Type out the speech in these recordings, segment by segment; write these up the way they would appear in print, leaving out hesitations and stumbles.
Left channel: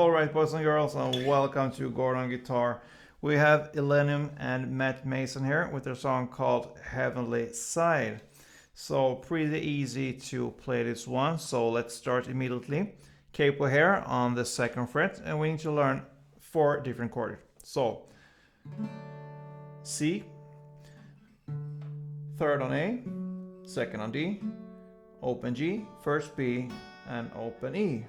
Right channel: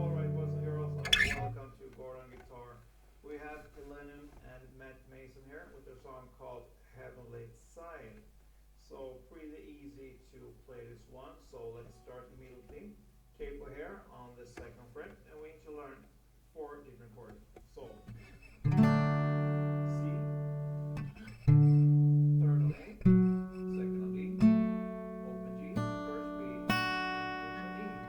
Alright, boys and girls, and welcome to Gordon Guitar. We have ILLENIUM and Maeson here with their song called Heavenly Side. So pretty easy to play this one, so let's start immediately. Capo here on the 2nd fret, and we need to learn 4 different chords. So C, 3rd on A, 2nd on D, open G, 1st B, and open E.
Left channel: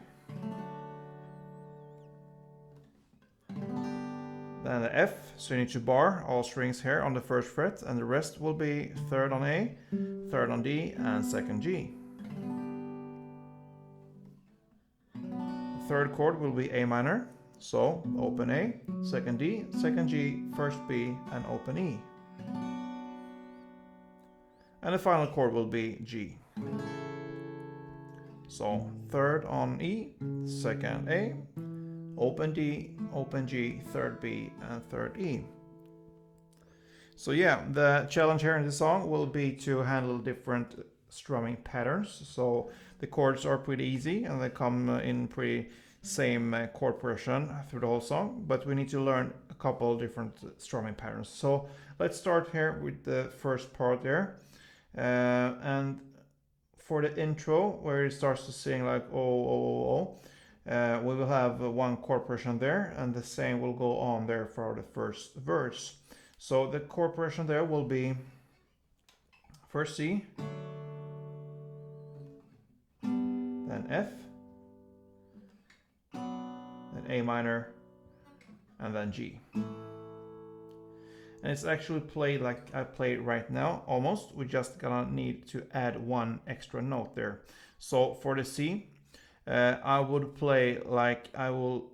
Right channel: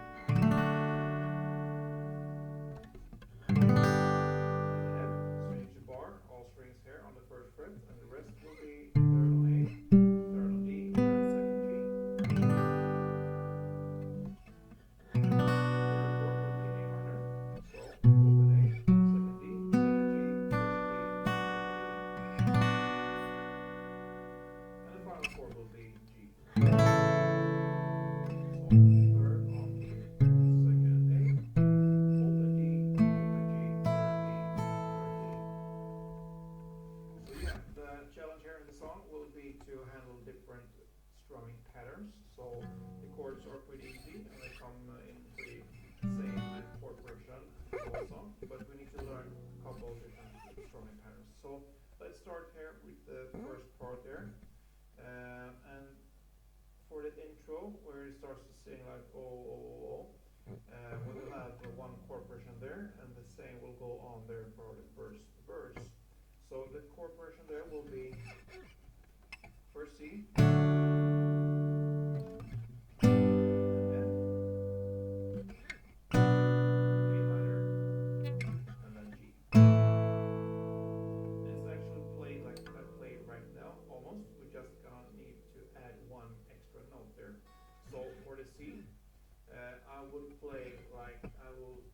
Then the F, so you need to bar all strings here on the 1st fret, and the rest will be 3rd on A, 3rd on D, and 2nd G. 3rd chord will be A minor, so open A, 2nd D, 2nd G, 1st B, and open E. And the final chord will be G. So 3rd on E, 2nd A, open D, open G, 3rd B, and 3rd E. So yeah, the challenge here in this song will be to handle different strumming patterns. So the chords are pretty easy and they come in pretty same chord progression through the whole song, but we need to learn a couple different strumming patterns. So let's start here with the first part there. And for the intro, where it starts to sing like oh, oh, oh, oh, we will have one chord progression there, and the same will go on there for the first verse. So the chord progression there will be first C, then F, then A minor, and then G. And it's actually played like I play right now, almost. We're just gonna need to add one extra note there. So for the C, I would play like I will,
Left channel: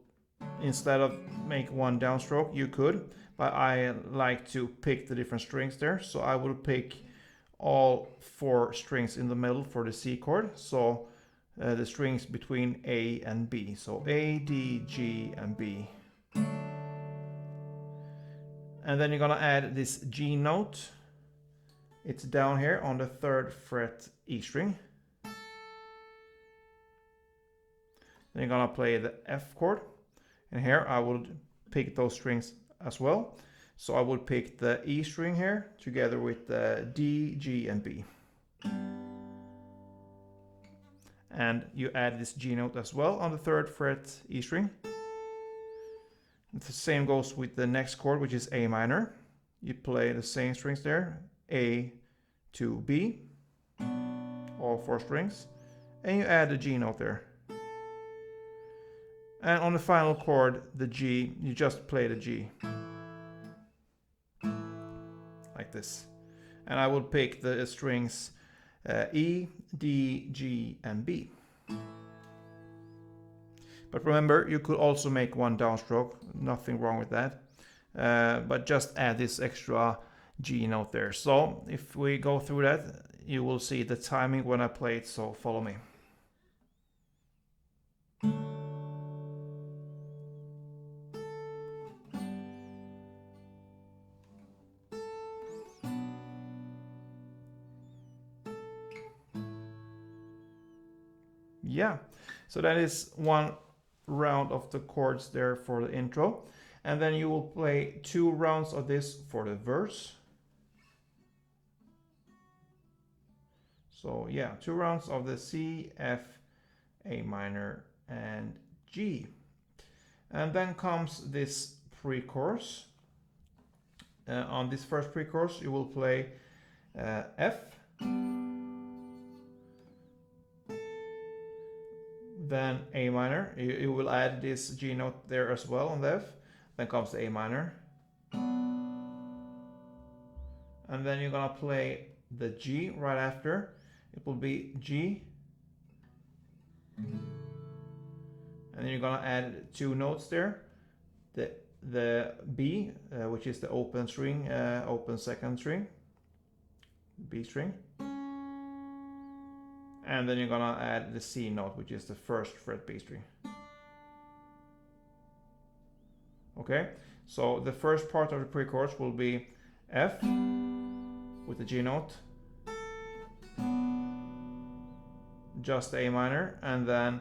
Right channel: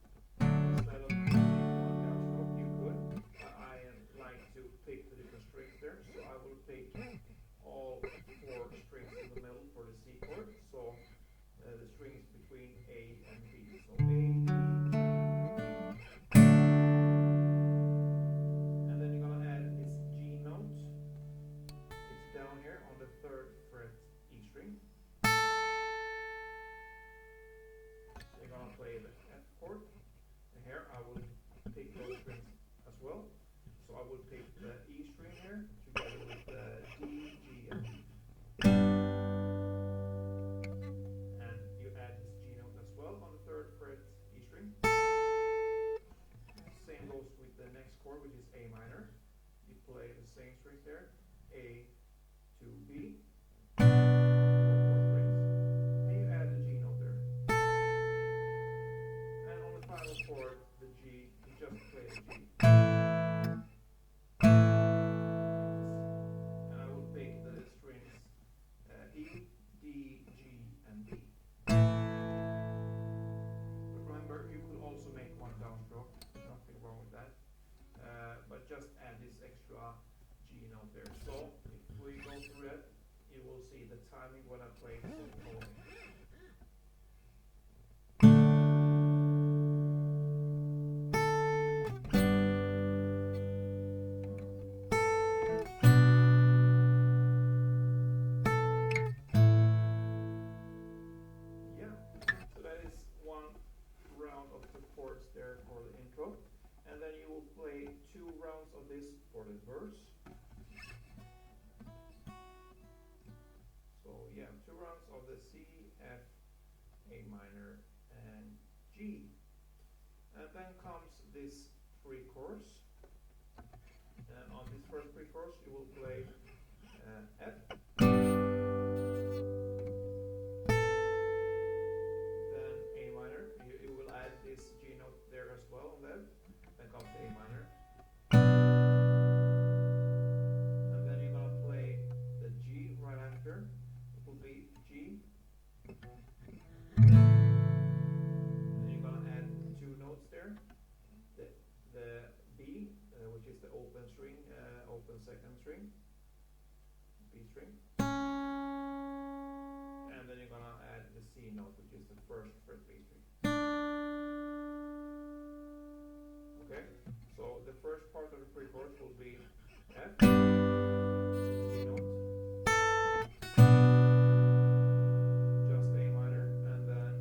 instead of make one downstroke, you could, but I like to pick the different strings there. So I will pick all 4 strings in the middle for the C chord. So the strings between A and B. So A, D, G, and B. And then you're gonna add this G note. It's down here on the 3rd fret E string. Then you're gonna play the F chord. And here I would pick those strings as well. So I would pick the E string here together with the D, G, and B. And you add this G note as well on the 3rd fret E string. The same goes with the next chord, which is A minor. You play the same strings there, A to B, all 4 strings, and you add the G note there. And on the final chord, the G, you just play the G. Like this. And I would pick the strings E, D, G, and B. But remember, you could also make one downstroke, nothing wrong with that. But just add this extra G note there. So if we go through that, you will see the timing when I play it, so follow me. Yeah, so that is one round of the chords there for the intro, and then you will play 2 rounds of this for the verse. So yeah, 2 rounds of the C, F, A minor, and G. And then comes this pre-chorus. On this first pre-chorus you will play F, then A minor. You will add this G note there as well on the F. Then comes the A minor. And then you're gonna play the G right after. It will be G. And then you're gonna add 2 notes there. The B, which is the open string, open 2nd string, B string. And then you're gonna add the C note, which is the 1st fret B string. Okay, so the first part of the pre-chorus will be F with the G note, just A minor, and then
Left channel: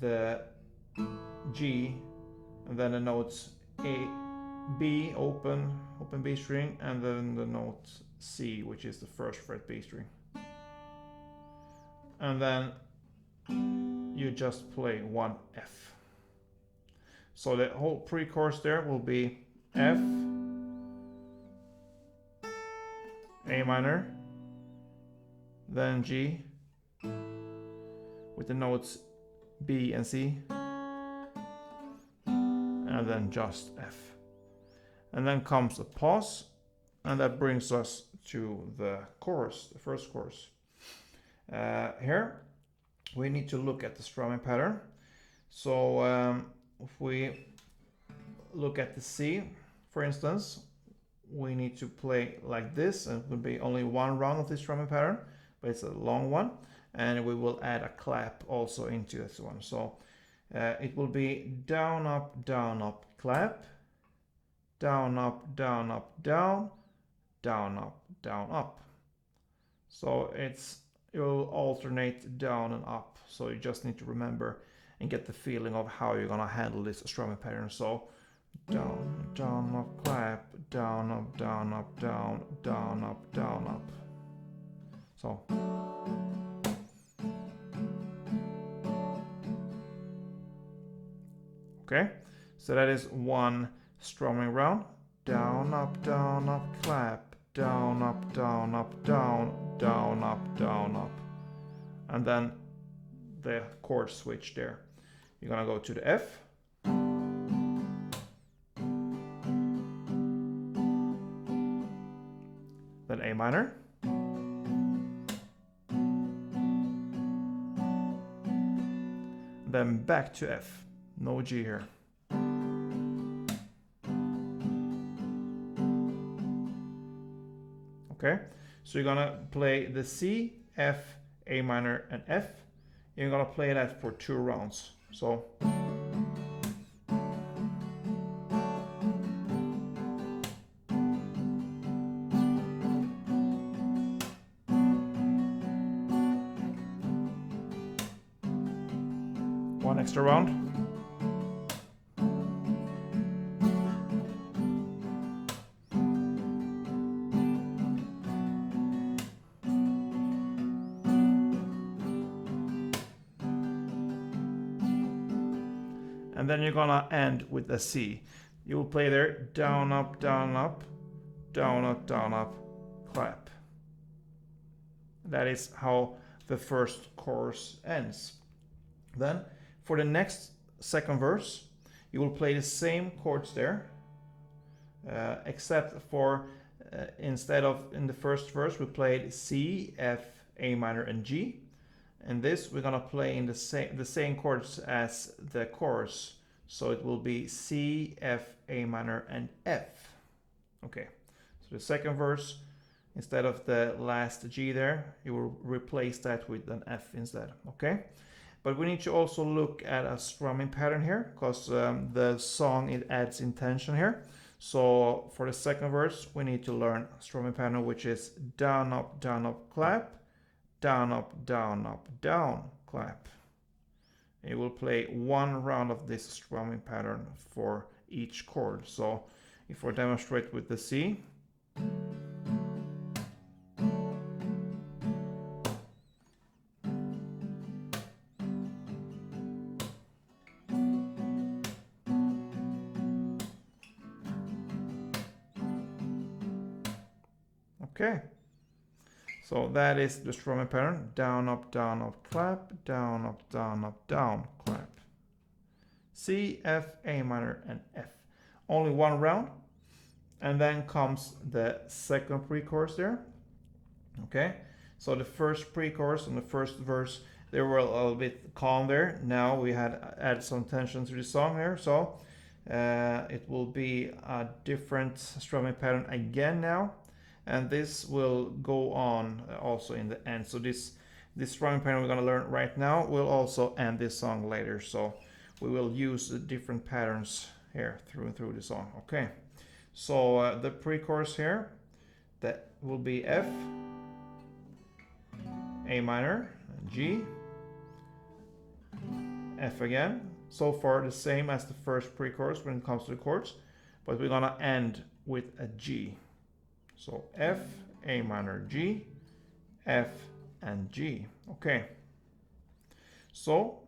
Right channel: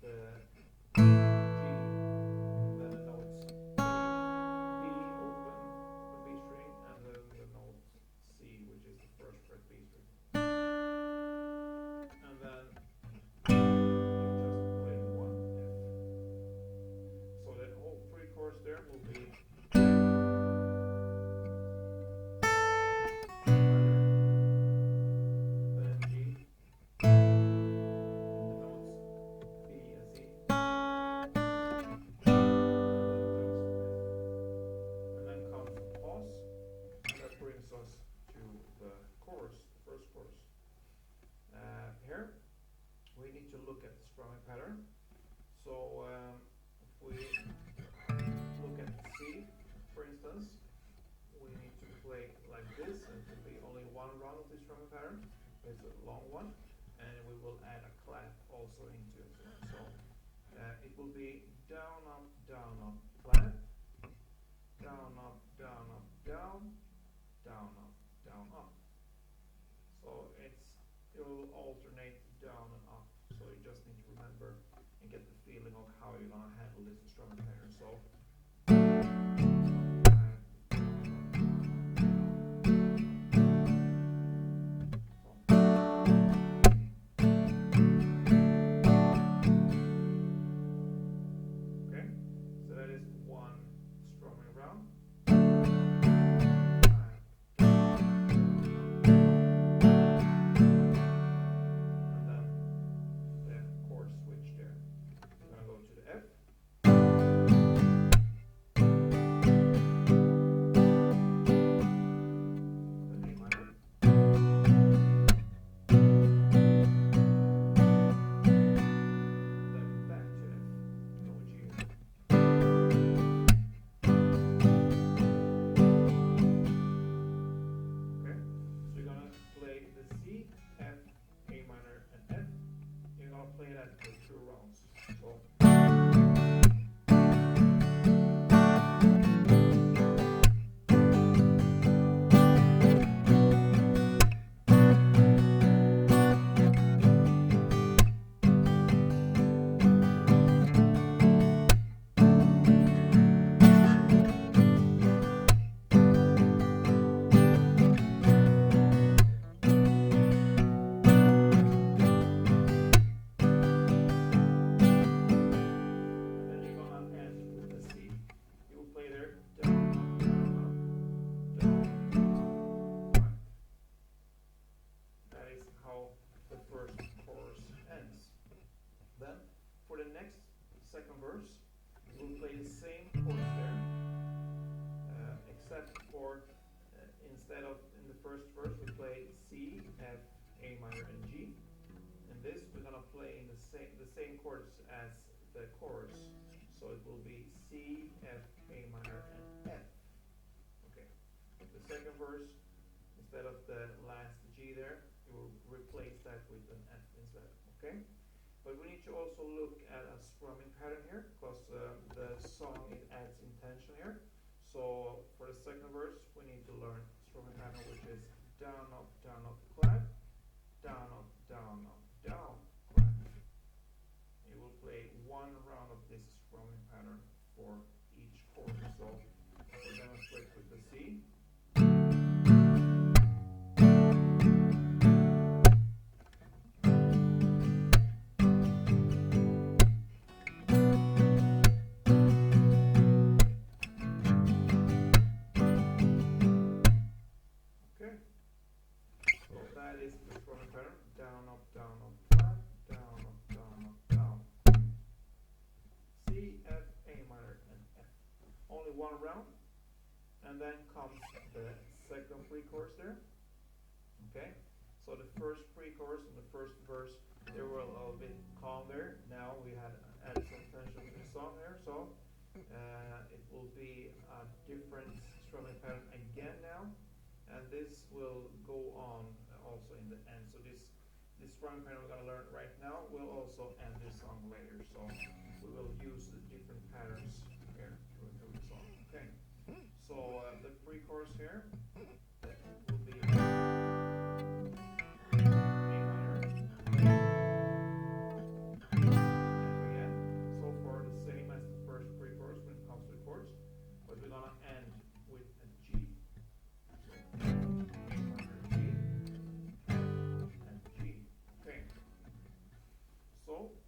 the G, and then the notes A, B, open B string, and then the note C, which is the first fret B string. And then you just play one F. So the whole pre-chorus there will be F, A minor, then G, with the notes B and C, and then just F. And then comes a pause, and that brings us to the chorus, the first chorus. Here we need to look at the strumming pattern. So if we look at the C, for instance, we need to play like this, and it will be only one round of this strumming pattern, but it's a long one, and we will add a clap also into this one. So it will be down, up, clap, down, up, down, down, up. So it will alternate down and up. So you just need to remember and get the feeling of how you're gonna handle this strumming pattern. So down, up, clap, down, up, down, up, down, up, down, up. So. Okay, so that is one strumming round. Down, up, clap, down, up, down, up, down, up, up. And then the chord switch there. You're gonna go to the F. Then A minor. Then back to F. No G here. Okay, so you're gonna play the C, F, A minor, and F. You're gonna play that for 2 rounds. So. One extra round. And then you're gonna end with a C. You will play there down, up, down, up, down, up, clap. That is how the first chorus ends. Then for the next second verse, you will play the same chords there, except for instead of in the first verse we played C, F, A minor, and G. In this we're gonna play in the same chords as the chorus, so it will be C, F, A minor, and F. Okay, so the second verse, instead of the last G there, you will replace that with an F instead. Okay, but we need to also look at a strumming pattern here, because the song, it adds intention here. So for the second verse we need to learn strumming pattern, which is down, up, clap, down, up, down, clap. You will play 1 round of this strumming pattern for each chord. So if we demonstrate with the C. Okay. So that is the strumming pattern. Down, up, clap, down, up, down, clap. C, F, A minor, and F. Only 1 round. And then comes the second pre-chorus there. Okay. So the first pre-chorus and the first verse, they were a little bit calm there. Now we had added some tension to the song here. So it will be a different strumming pattern again now. And this will go on also in the end. So this strumming pattern we're going to learn right now will also end this song later. So we will use the different patterns here through the song. Okay. So the pre-chorus here, that will be F, A minor, G, F again, so far the same as the first pre-chorus when it comes to the chords, but we're gonna end with a G. So F, A minor, G, F, and G. Okay. So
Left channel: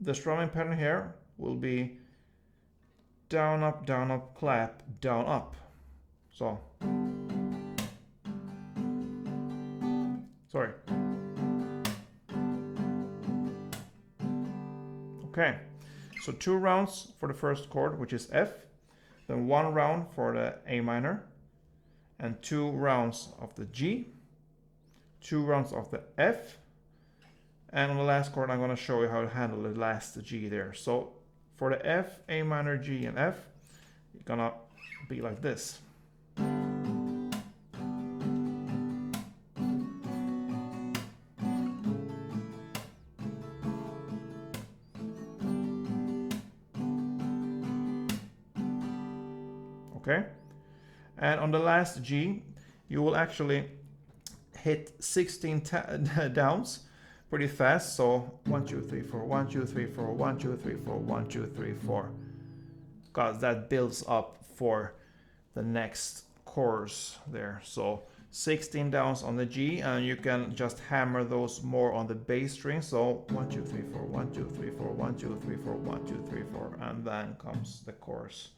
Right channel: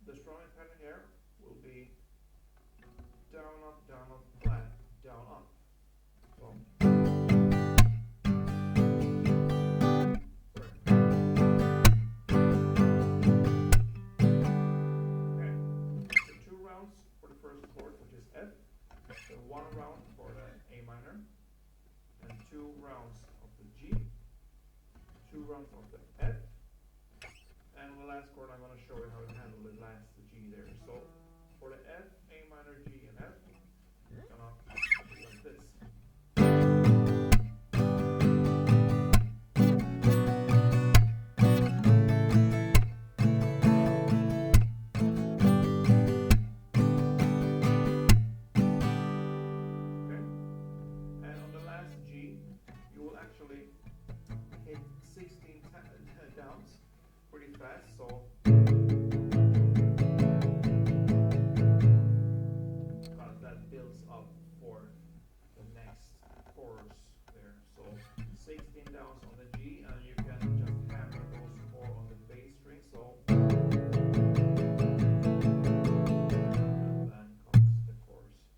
the strumming pattern here will be down, up, clap, down, up. So, sorry. Okay, so 2 rounds for the first chord, which is F, then 1 round for the A minor, and 2 rounds of the G, 2 rounds of the F, and on the last chord I'm going to show you how to handle the last G there. So for the F, A minor, G, and F, it's gonna be like this. Okay, and on the last G, you will actually hit 16 downs pretty fast. So 1, 2, 3, 4, 1, 2, 3, 4, 1, 2, 3, 4, 1, 2, 3, 4, because that builds up for the next chorus there. So 16 downs on the G, and you can just hammer those more on the bass string. So 1, 2, 3, 4, 1, 2, 3, 4, 1, 2, 3, 4, 1, 2, 3, 4, and then comes the chorus.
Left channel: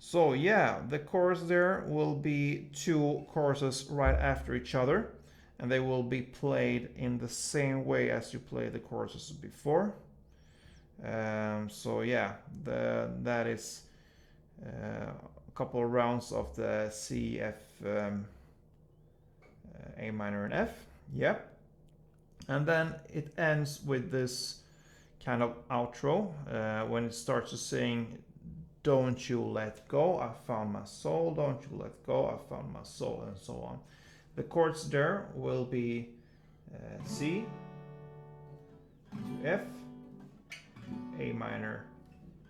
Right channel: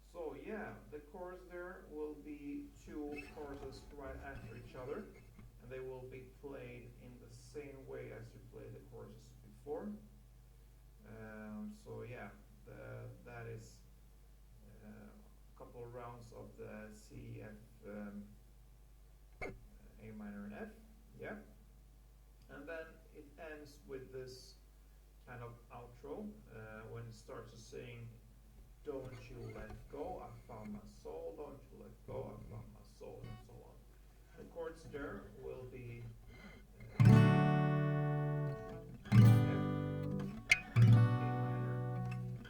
So yeah, the chorus there will be 2 choruses right after each other, and they will be played in the same way as you play the choruses before. So yeah, that is a couple of rounds of the C, F, A minor, and F. Yep. And then it ends with this kind of outro when it starts to sing, "Don't you let go, I found my soul, don't you let go, I found my soul," and so on. The chords there will be C, F, A minor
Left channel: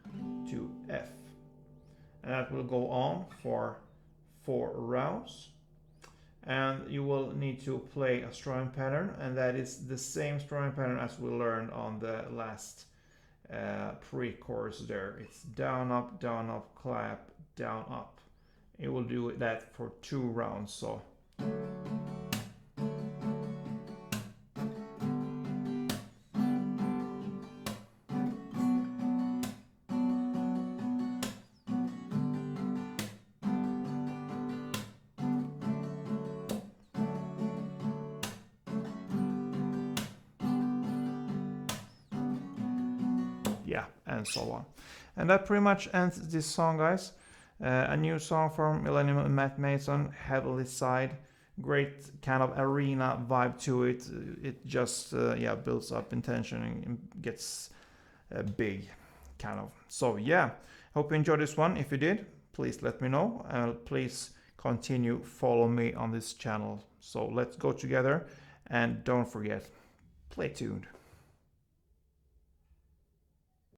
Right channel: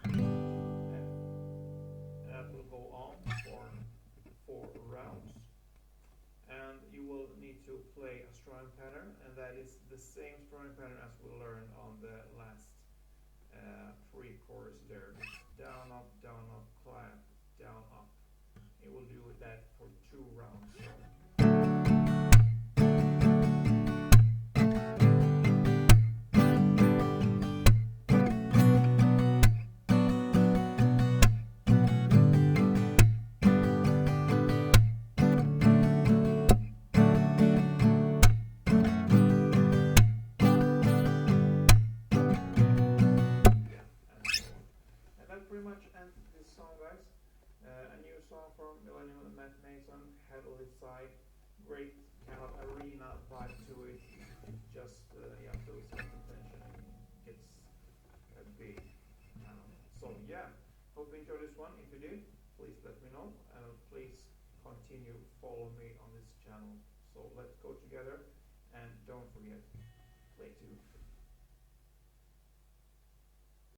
to F. And that will go on for 4 rounds. And you will need to play a strumming pattern, and that is the same strumming pattern as we learned on the last pre-chorus there. It's down, up, clap, down, up. It will do that for 2 rounds. So and so on. And that pretty much ends this song, guys. A new song from ILLENIUM and Maeson, heavily side. Great kind of arena vibe to it. It just yeah, builds up in tension and gets big, kind of. So yeah, hope you enjoyed this one. If you did, please let me know. Please continue follow me on this channel. So let's go together, and don't forget, play tuned.